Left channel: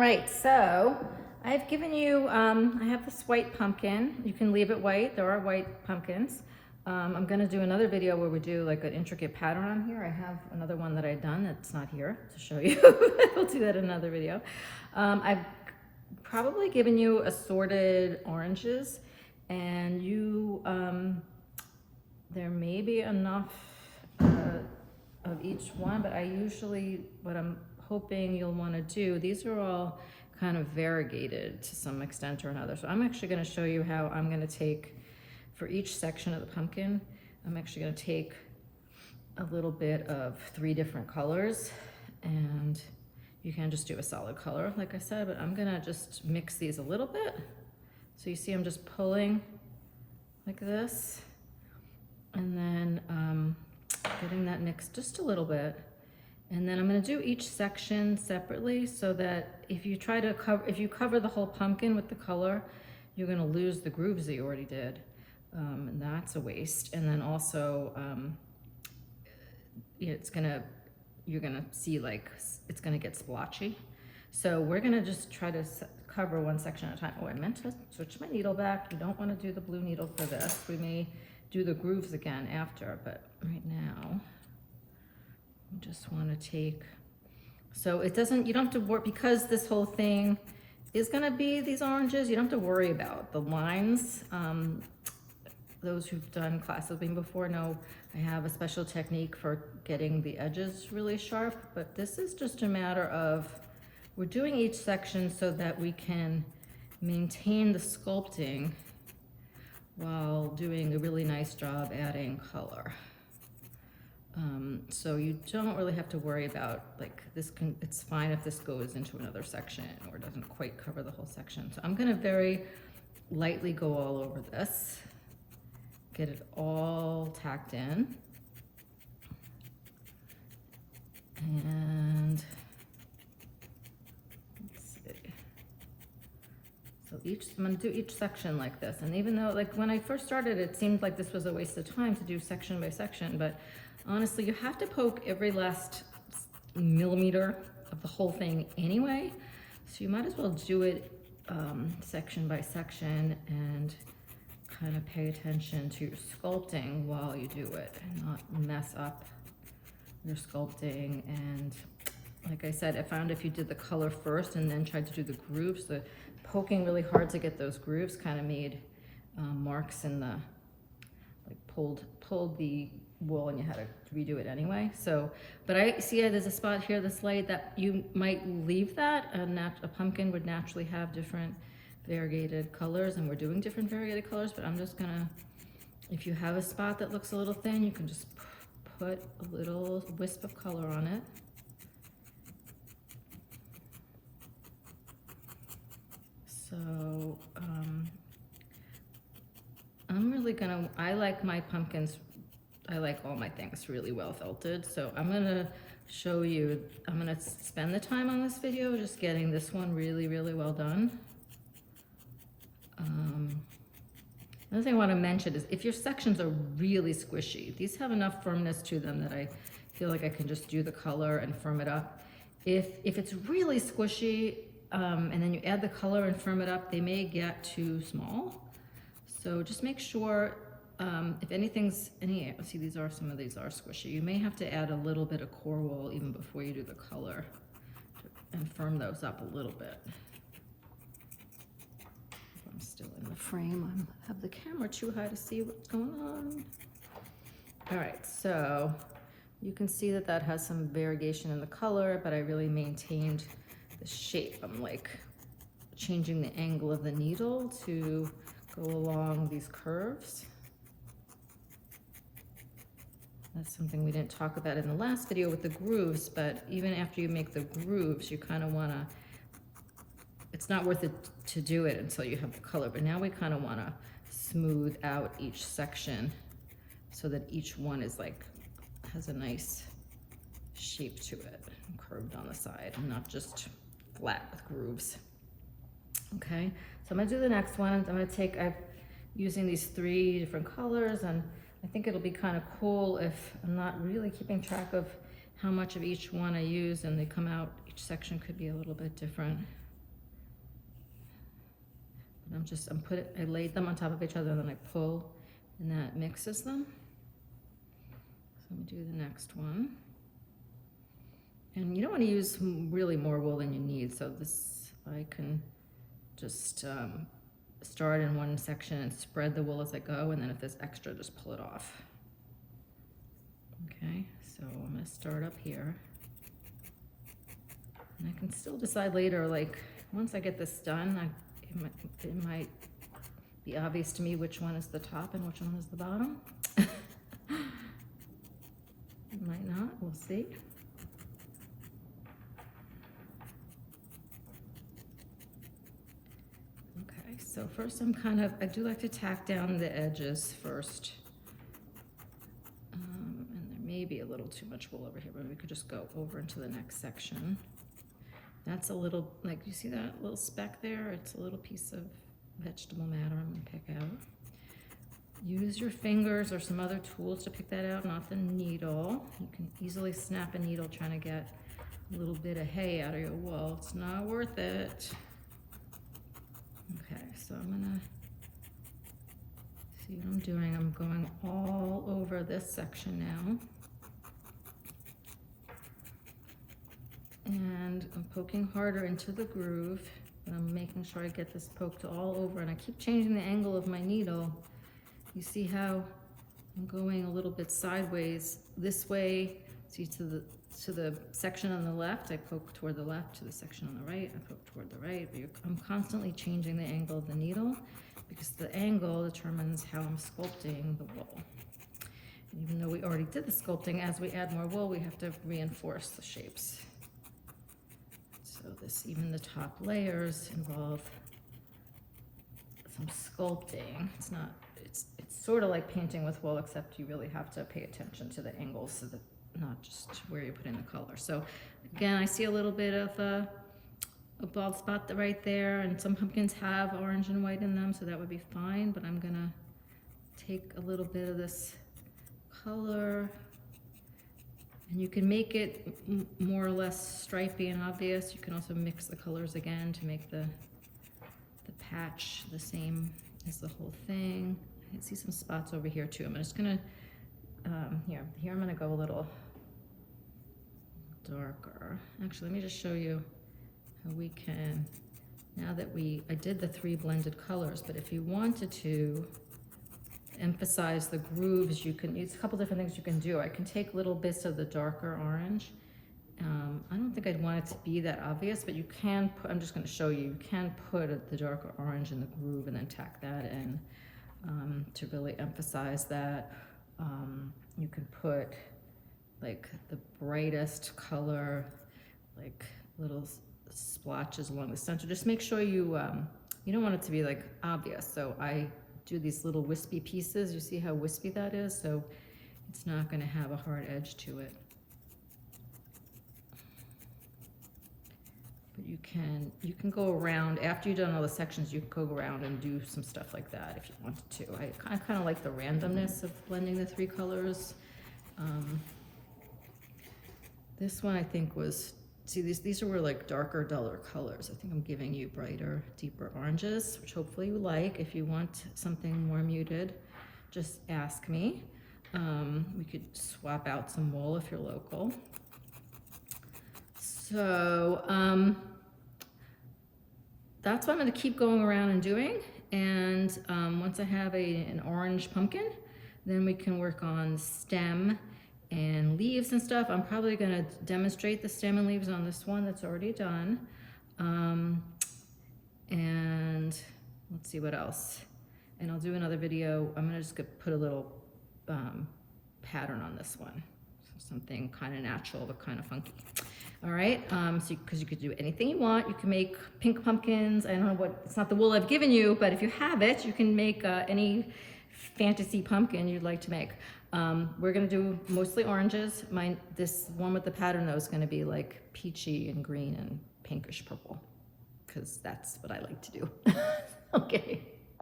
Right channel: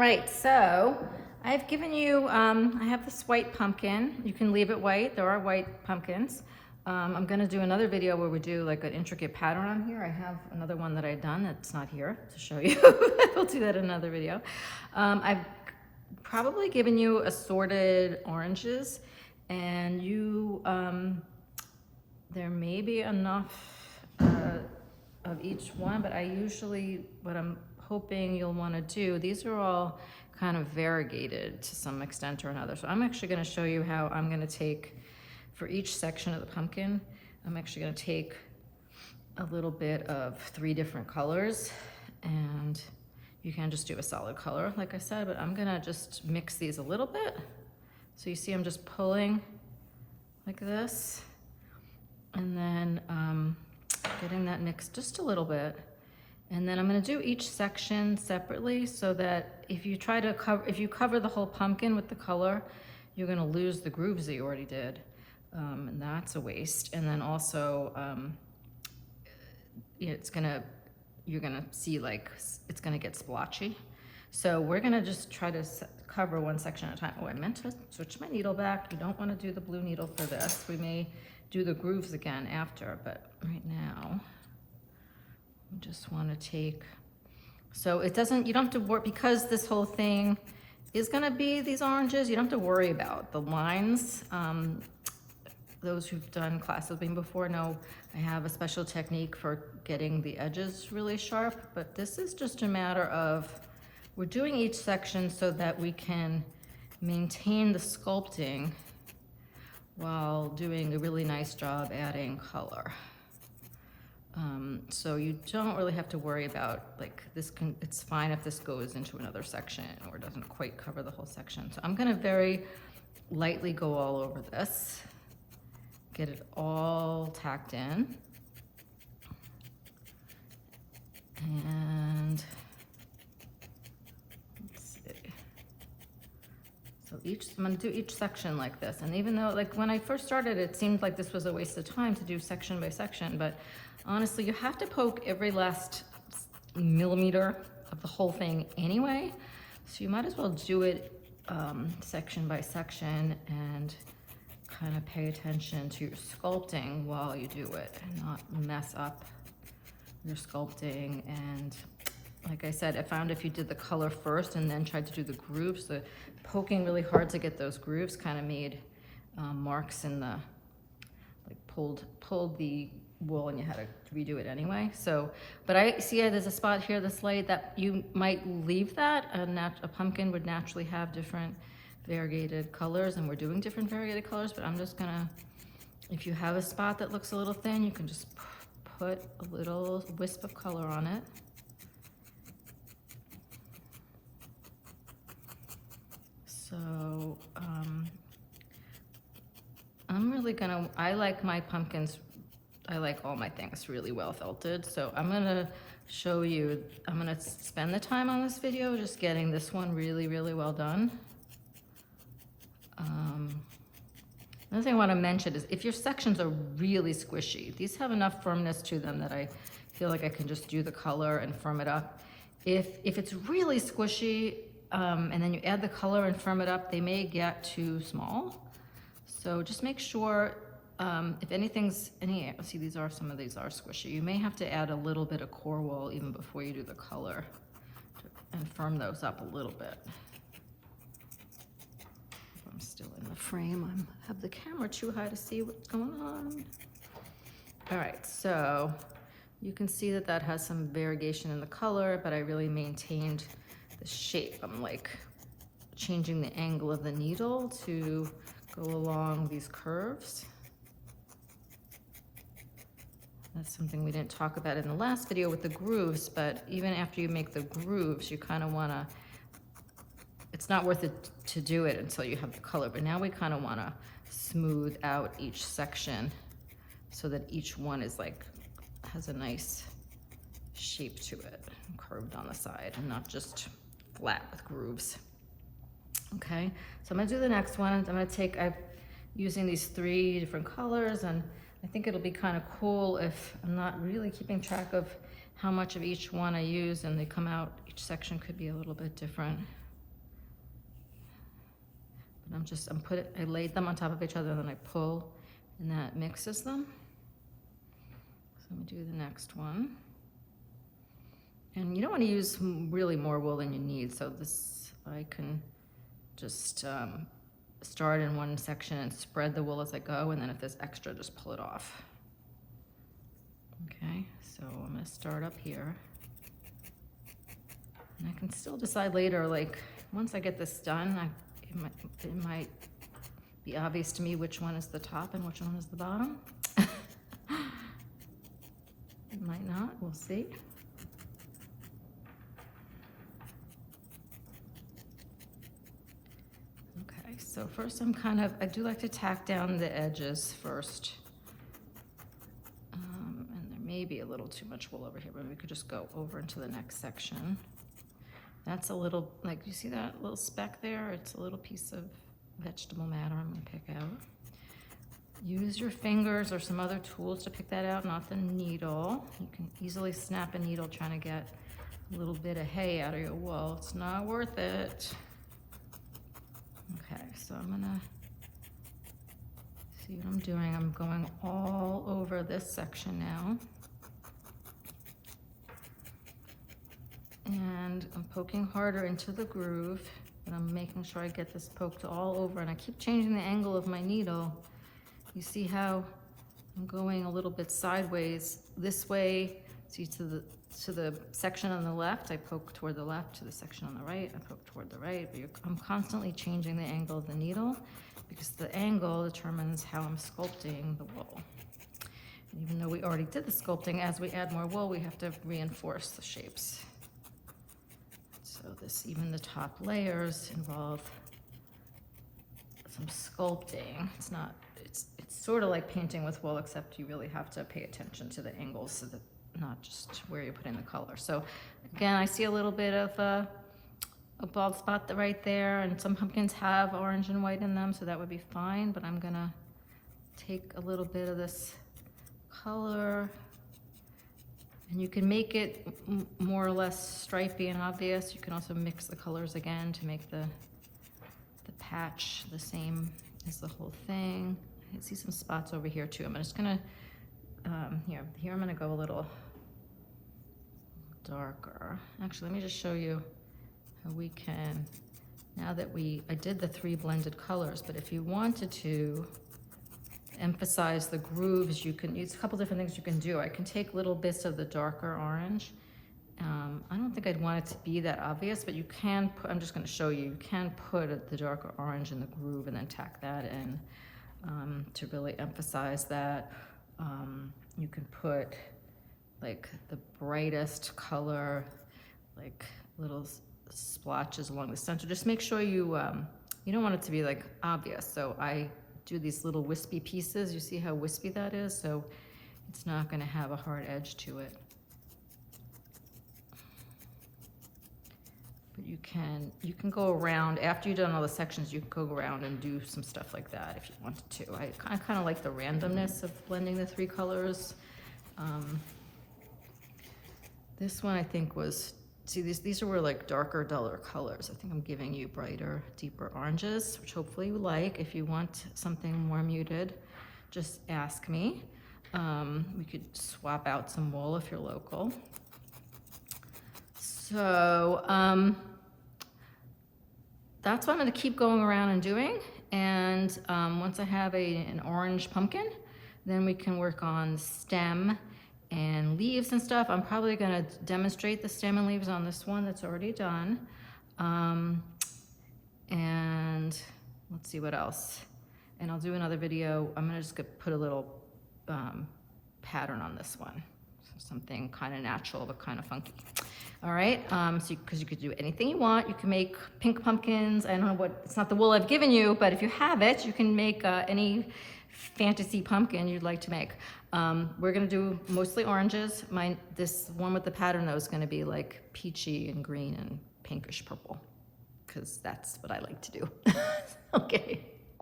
All right, so I've given you, I have this white pumpkin. You can leave it white. There are white pumpkins. I'm gonna do another video where we do like an intricate pattern on here. I have another one that I've done that's not here to show you. We'll do that in another video. I've probably given you assorted oranges, and you, there may be enough of each one, but I usually, what I'm hoping you'll want to do, these are all kind of variegated to some extent or another. So I'm actually going to show you how I'm going to take, for each section of the pumpkin, I'm actually going to take a little bit of 3 different colors, and you can just do a solid color like I said, but I'm going to just mix these a little bit. So you see I'm just pulling like this, and then getting that mixed just a little bit. And then I'm going to do each section separately, so that if you try to cover, if you cover the whole pumpkin with the color, you're going to lose the grooves that you already did, and that's a waste. And then also, it's gonna, you're gonna see like it's gonna get splotchy. So we're gonna just try to cover one section at a time. Oh, I meant to switch my needle back. You don't want to do the blue needle for this. We may do the grooves again after, but right now we just want to take, so it doesn't, you don't have to worry, because this whole thing is going to be these oranges, you don't have to worry about the lines. Those who've done classes with me before know I have a special technique for getting the edges really sharp, but this is just a matter of, we're doing each section so that we can maintain the sculpting while doing a really nice job adding color. So you don't really have to worry about, like, this can, it's fine if this goes into another section or doesn't quite cover the whole section. So I'm gonna very lightly go all over this, get it all tacked in. And let's see. So I'm gonna do each section like this. And even though, like, when I first started, it seemed like this was a waste of time to do section by section, but honestly, you have to poke every last millimeter of the whole thing anyway. So you might as well do it section by section and kind of pay attention to your sculpting while you do it and not mess up your sculpting. And like I said, I found if you did the color first and then tried to do the grooves, the poking really hard to get those grooves kind of made marks in the, like pulled the wool, and you had to redo it anyway. So, but I see there's a spot here this late that you might leave that. A pumpkin would naturally have different variegated colors, and we're doing different variegated colors, but I'm just gonna, if you have a spot that looks a little thin, you can just put a little wisp of color on it. So I'm really gonna, I like my pumpkins, I like all my things really well felted, so I'm gonna show you, I'm gonna spend the time on this video just getting this one really, really well done. Another thing I want to mention is if your sections are really squishy, these have enough firmness to them that I feel like I can just do the color and firm it up. If it's really squishy, and then you add the color and firm it up, they may get too small. So just make sure, if anything's, see, some of these are squishy. You may have to add a little bit of core wool even before you do the color and firm those up a little bit. I'm still in the frame. I have the camera too high to see what's going on. All right, so you can see that that has some variegation in the color, but I really maintained the shape. I'm like changing the angle of the needle to go along these curves. That's something we didn't talk about in the last video with the grooves, but even after you make the grooves, you kind of want to, it's not worth it to do it until you have the color, but now we kind of want to smooth out each section so that each one is like, has a nice shape to it, curved on the side and not just flat with grooves. Okay, so I'm gonna do the next one. I'm gonna take, I'm using these 3 different colors, and I think it'll be kind of cool if I'm not really keeping track of how much of each one I use and they come out, each section could be a little bit different. I laid them on top of each other, then I pull, and that mixes them. So I'm gonna do the next one. And you don't want to use really more wool than you need, so this, I can just start in one section and spread the wool as I go, and then if there's extra, just pull it off. Okay, so I'm gonna start up here. And I can still decide later, like, once I get this done, it might be obvious to me which one is the top and which one is the bottom. It might not, we'll see. Okay, so first I do like to tack down the edges first. And there may be a little too much wool over here, but we could just go over into the next section. That's a little, like, you see that little speck there? It's a little piece of vegetable matter I'm gonna pick out. Use your fingers or some other tools to pick that out, not the needle. You can easily snap a needle trying to get a little bit of hay out of your wool. It's not worth it. Okay, so I'm gonna see what I'm doing. I'm going all over this section now. And I'm poking harder into the groove, and I'm making sure I get this poked all over, and I keep changing the angle of my needle. You see how I'm going a little bit sideways this way. See, to the section on the left, I poke toward the left. To the section on the right, I poke toward the right. I'm constantly changing the angle of the needle because the angle determines how I'm sculpting the wool. Even though we already did the sculpting, as we add more wool, we have to reinforce the shapes. So even the top layers involve some sculpting. It's sort of like painting with wool, except you really have to pay attention to the angles, so that not just where you're putting the color. So again, I see a little bit of a bald spot right there, and some pumpkins have orange and white in them, so that would be fine, but I'm gonna take a little bit of this color. And you can make it more or less stripy and obvious. You can also mix the colors again to make the patch the same as the whole thing. I can see some spots over here too. I'm just gonna, here I'm gonna go a little darker. Actually, let me just show you how we can, now that I did the 3 blended colors, but if you wanted to emphasize the grooves, there's a couple different things you can do. I can take little bits of the darker orange. I don't think I'd want it to be that obvious, but you can put, I'm just going to show you, you can put the darker orange in the groove and then tack that in to really emphasize that. You can put like the brightest color, like little splotches along the center. Just make sure you don't want it to be like obvious. So I do these little wispy pieces. You see how wispy that is? So it's not going to have a hard edge to it. But you can go around, after you've done all the sections, you can go around and do some stuff like that if you wanted to. I kind of like the randomness of blending the 3 colors. This one I think was, see, these were like darker, duller colors. I think I'm giving you brighter, deeper oranges, which hopefully you like. If you want something more muted, just ask me. We could swap out some wool if you're local. So that's what I'm going to keep going around and doing. And once I have an orange pumpkin, then we can work on stem and leaves and stuff. I'm probably going to demonstrate the stem and leaves on this one that's already done. And let's see what else. And I'll do another video. I'm going to just put a little pattern on this one. So something kind of natural but kind of funky. All right, because you could do anything you want. You can make pink pumpkins. I don't know what, it's not the wool I've given you, but if you have it, you can make any fantasy pumpkin you'd like to make. We're gonna do mostly oranges. This one with the pattern though is gonna be like peachy and green and pinkish purple, because that's what I like to do. Okay.